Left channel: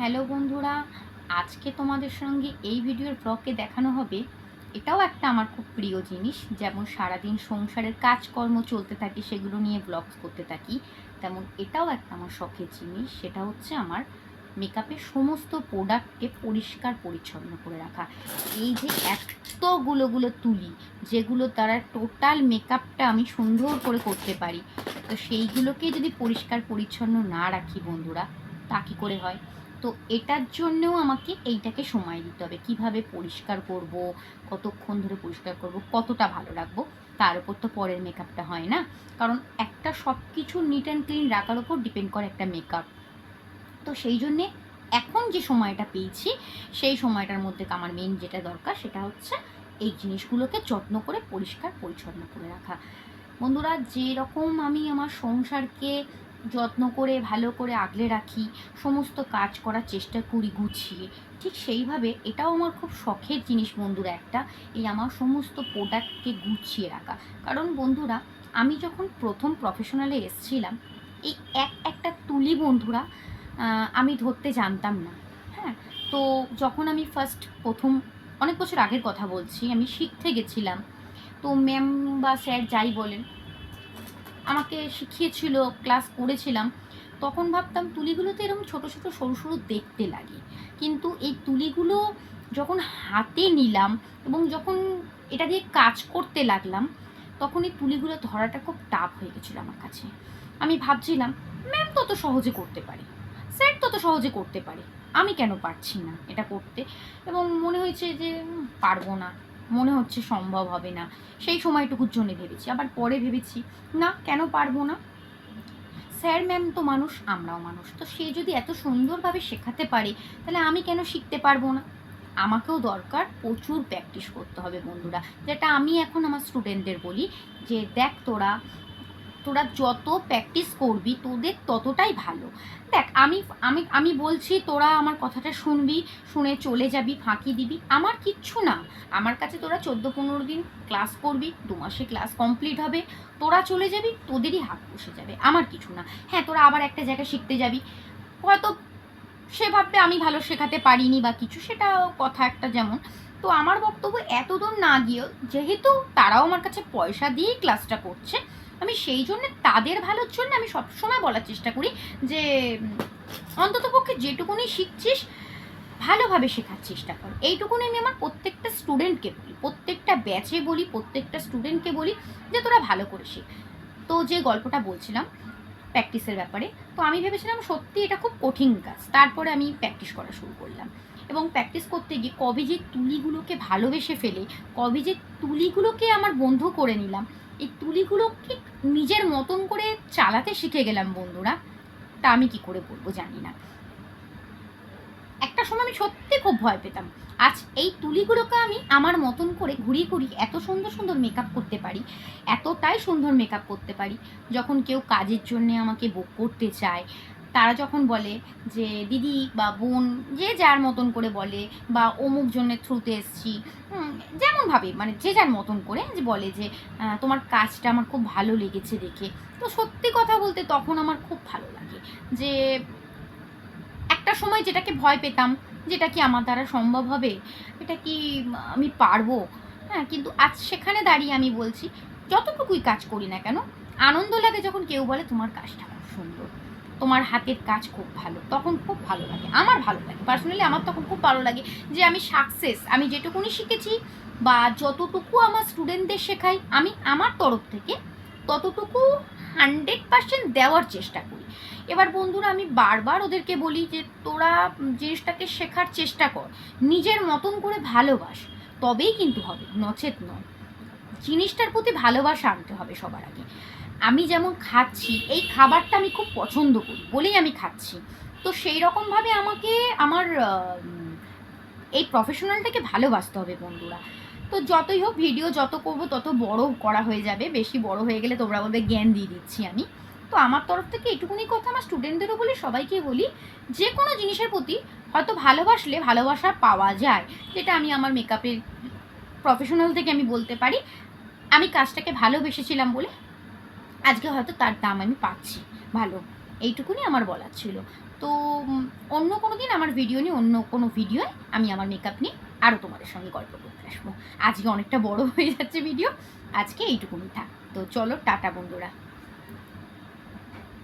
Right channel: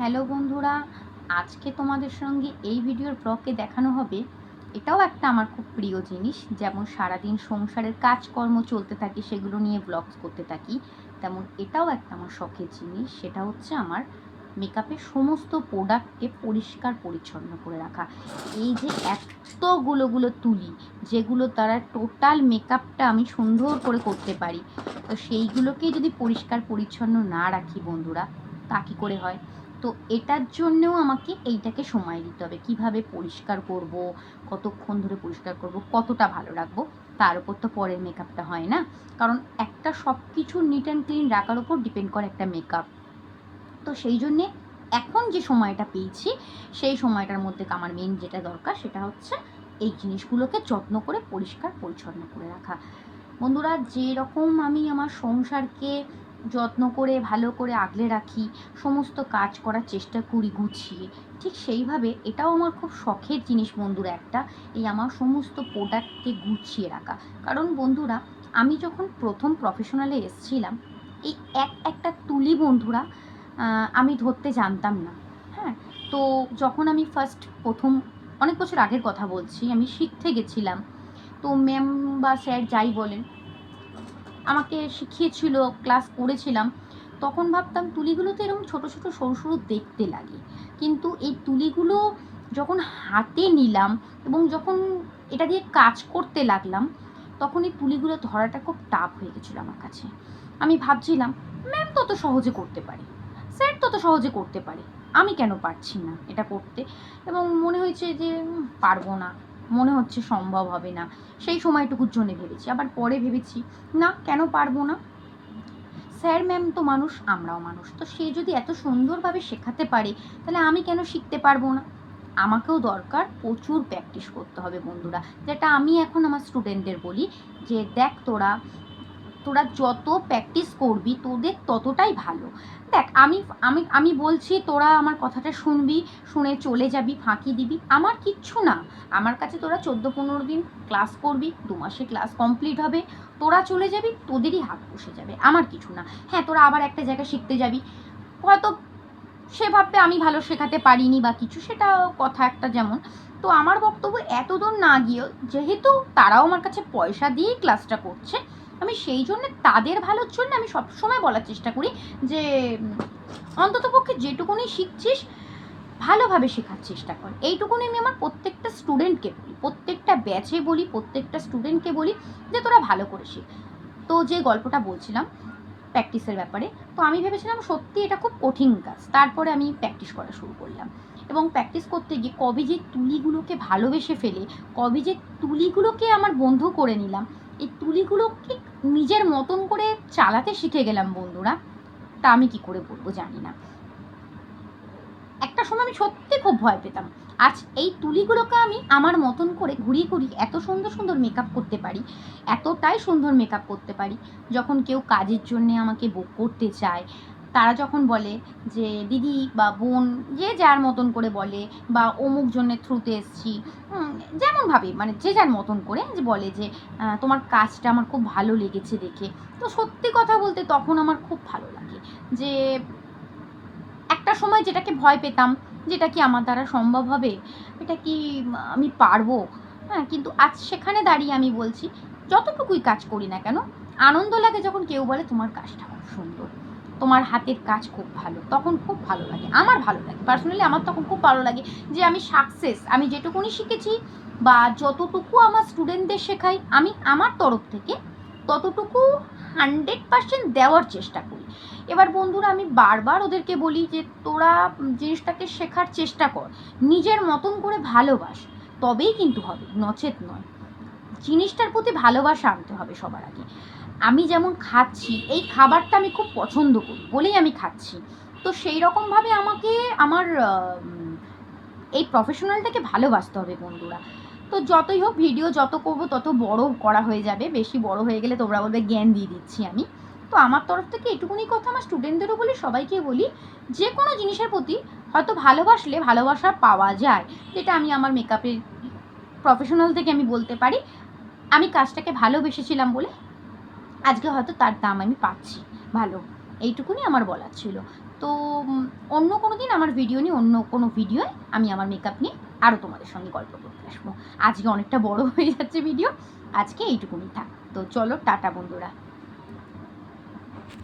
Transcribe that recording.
Hello বন্ধুরা, আজকে তোমাদের সঙ্গে এই ভিডিওর ব্লগে দেখানো হবে। এটাও একটা আমার খুব প্রিয় জিনিস। যেমন সারাদিন সংসারের কাজকর্ম চলতে থাকে, সেগুলো নিয়ে ব্লগস করতে থাকি, তেমন এটাও একটা আমার শখের জিনিস। সেটা হচ্ছে আমার মেকআপের সমস্ত প্রোডাক্টকে পরিষ্কার পরিচ্ছন্ন করে রাখা। এই যে এতগুলো তুলি, যেগুলো দ্বারা টোটাল মেকআপটা আমি সুন্দর করে করতে পারি, তো সেইগুলোকে যদি পরিষ্কার পরিচ্ছন্ন না রাখি বন্ধুরা, তা কী করে হয়? তো এটার জন্যেও আমাকে এইটাকে সময় দিতে হবে। কিভাবে পরিষ্কার করব, কতক্ষণ ধরে পরিষ্কার করব, কতটা ভালো রাখবো, তার উপর তো পরের মেকআপটা হয় না। কারণ একটা সব কিছু নিট অ্যান্ড ক্লিন রাখার উপর ডিপেন্ড করে একটা মেকআপ। তো সেই জন্যে এখন যে সময়টা পেয়েছি, সেই সময়টার মধ্যে আমার মেন যেটা দরকার সেটা হচ্ছে এই জিনিসগুলোকে যত্ন করে পরিষ্কার পরিচ্ছন্ন করে রাখা। বন্ধুরা, যেরকম আমি আমার সংসারকে যত্ন করে ভালো করে আগলে রাখি, সমস্ত কাজ করার চেষ্টা করি গুছিয়ে, ঠিক সেইভাবে এটাও আমার খুব শখের জিনিস বন্ধুরা একটা, এই আমার সমস্ত প্রোডাক্টকে গুছিয়ে রাখা। কারণ বন্ধুরা, আমি যখন প্রথম প্রফেশনালে এসেছিলাম, এই একটা তুলি বন্ধুরা আমি ধরতে জানতাম না। হ্যাঁ, তো যখন আমি প্রথম অনেক বছর আগের কথা বলছি, আমি শিখতে গেছিলাম। তো ম্যাম বা স্যার যাই বলেন, আমাকে শিখিয়েছিল, ক্লাস করেছিলাম। তখন ভাবতাম তুলিগুলো তো এরকম ছোটো ছোটো সরু সরু দেখতে লাগে, কিন্তু এই তুলিগুলো যখন হাতে নিলাম এবং যখন এটা দিয়ে কাজ করতে লাগলাম, তখন এই তুলিগুলো ধরাটা খুব টাফ হয়ে গেছিলো আমার কাছে। আমি ভাবছিলাম, ম্যাম তত সহজে করতে পারে, স্যার তত সহজে করতে পারে, আমি কেন পারছি না এটা করতে? এবং মনে হয়েছে যে পারবো না, মনে হচ্ছে সম্ভব হবে না। সেই সময়টুকুর জন্যে ভেবেছি, আবার পরে ভেবেছি না, কেন পারবো না? স্যার ম্যাম তো মানুষ, আমরাও মানুষ, তো সে যদি এত সুন্দরভাবে শেখাতে পারে, তাহলে আমি কেন শিখতে পারবো না? আমাকেও দরকার প্রচুর প্র্যাকটিস করতে হবে বন্ধুরা। যেটা আমি এখন আমার স্টুডেন্টদের বলি, যে দেখ তোরা তোরা যত প্র্যাকটিস করবি তোদের ততটাই ভালো। দেখ, আমি আমি আমি বলছি, তোরা আমার কথাটা শুনবি, শুনে চলে যাবি, ফাঁকি দিবি, আমার কিচ্ছু না। আমার কাছে তোরা 14-15 দিন ক্লাস করবি, 2 মাসে ক্লাস কমপ্লিট হবে, তোরা চলে যাবি, তোদেরই হাত বসে যাবে, আমার কিছু না। হ্যাঁ, তোরা আবার একটা জায়গায় শিখতে যাবি, হয়তো সে ভাববে আমি ভালো শেখাতে পারিনি বা কিছু, সেটা কথা একটা যেমন। তো আমার বক্তব্য, এত দূর না গিয়েও, যেহেতু তারাও আমার কাছে পয়সা দিয়েই ক্লাসটা করছে, আমি সেই জন্য তাদের ভালোর জন্য আমি সবসময় বলার চেষ্টা করি যে অন্ততপক্ষে যেটুকুনি শিখছিস ভালোভাবে শেখার চেষ্টা কর। এইটুকুনি আমি আমার প্রত্যেকটা স্টুডেন্টকে বলি, প্রত্যেকটা ব্যাচে বলি, প্রত্যেকটা স্টুডেন্টকে বলি যে তোরা ভালো করে শেখ। তো যে গল্পটা বলছিলাম প্র্যাকটিসের ব্যাপারে, তো আমি ভেবেছিলাম সত্যি এটা খুব কঠিন কাজ। তারপরে আমি প্র্যাকটিস করা শুরু করলাম, এবং প্র্যাকটিস করতে গিয়ে কবে যে তুলিগুলোকে ভালোবেসে ফেলে, কবে যে তুলিগুলোকে আমার বন্ধু করে নিলাম, এই তুলিগুলোকে নিজের মতন করে চালাতে শিখে গেলাম বন্ধুরা, তা আমি কি করে বলবো জানি না। একটা সময় আমি সত্যি খুব ভয় পেতাম। আজ এই তুলিগুলোকে আমি আমার মতন করে ঘুরিয়ে ঘুরিয়ে এত সুন্দর সুন্দর মেকআপ করতে পারি, এতটাই সুন্দর মেকআপ করতে পারি। যখন কেউ কাজের জন্যে আমাকে বুক করতে চায়, তারা যখন বলে যে দিদি বা বোন, যে যার মতন করে বলে, বা অমুক জনের থ্রুতে এসছি, যেমনভাবে মানে যে যার মতন করে যে বলে যে তোমার কাজটা আমার খুব ভালো লেগেছে দেখে, তো সত্যি কথা বলতে তখন আমার খুব ভালো লাগে যে একটা সময় যেটাকে ভয় পেতাম, যেটা কি আমার দ্বারা সম্ভব হবে, এটা কি আমি পারবো, হ্যাঁ, কিন্তু আজ সেখানে দাঁড়িয়ে আমি বলছি, যতটুকুই কাজ করি না কেন, আনন্দ লাগে যখন কেউ বলে তোমার কাজটা খুব সুন্দর, তোমার হাতের কাজ খুব ভালো, তখন খুব ভালো লাগে, আমার ভালো লাগে পার্সোনালি, আমার তখন খুব ভালো লাগে যে আমি সাকসেস, আমি যেটুকুনি শিখেছি বা যতটুকু আমার স্টুডেন্টদের শেখাই, আমি আমার তরফ থেকে ততটুকু 100% দেওয়ার চেষ্টা করি। এবার বন্ধুরা, আমি বারবার ওদেরকে বলি যে তোরা জিনিসটাকে শেখার চেষ্টা কর, নিজের মতন করে ভালোবাস, তবেই কিন্তু হবে, নচেত নয়। জিনিসটার প্রতি ভালোবাসা আনতে হবে সবার আগে। আমি যেমন খাচ্ছি, এই খাবারটা আমি খুব পছন্দ করি বলেই আমি খাচ্ছি, তো সেই রকমভাবে আমাকে আমার এই প্রফেশনালটাকে ভালোবাসতে হবে বন্ধুরা। তো যতই হোক, ভিডিও যত করব তত বড় করা হয়ে যাবে, বেশি বড় হয়ে গেলে তোমরা বলবে জ্ঞান দিয়ে দিচ্ছি আমি। তো আমার তরফ থেকে এটুকুনি কথা আমার স্টুডেন্টদেরও বলি, সবাইকে বলি, যে কোনো জিনিসের প্রতি হয়তো ভালোবাসলে ভালোবাসা পাওয়া যায়, যেটা আমি আমার মেকআপের প্রফেশনাল থেকে আমি বলতে পারি। আমি কাজটাকে ভালোবেসেছিলাম বলে আজকে হয়তো তার দাম আমি পাচ্ছি ভালো, এইটুকুনি আমার বলার ছিল। তো অন্য কোনো দিন আমার ভিডিও নিয়ে অন্য কোনো ভিডিওয় আমি আমার মেকআপ নিয়ে আরও তোমাদের সঙ্গে গল্প করতে আসবো। আজকে অনেকটা বড় হয়ে যাচ্ছে ভিডিও, আজকে এইটুকুনি থাক। তো চলো টাটা বন্ধুরা।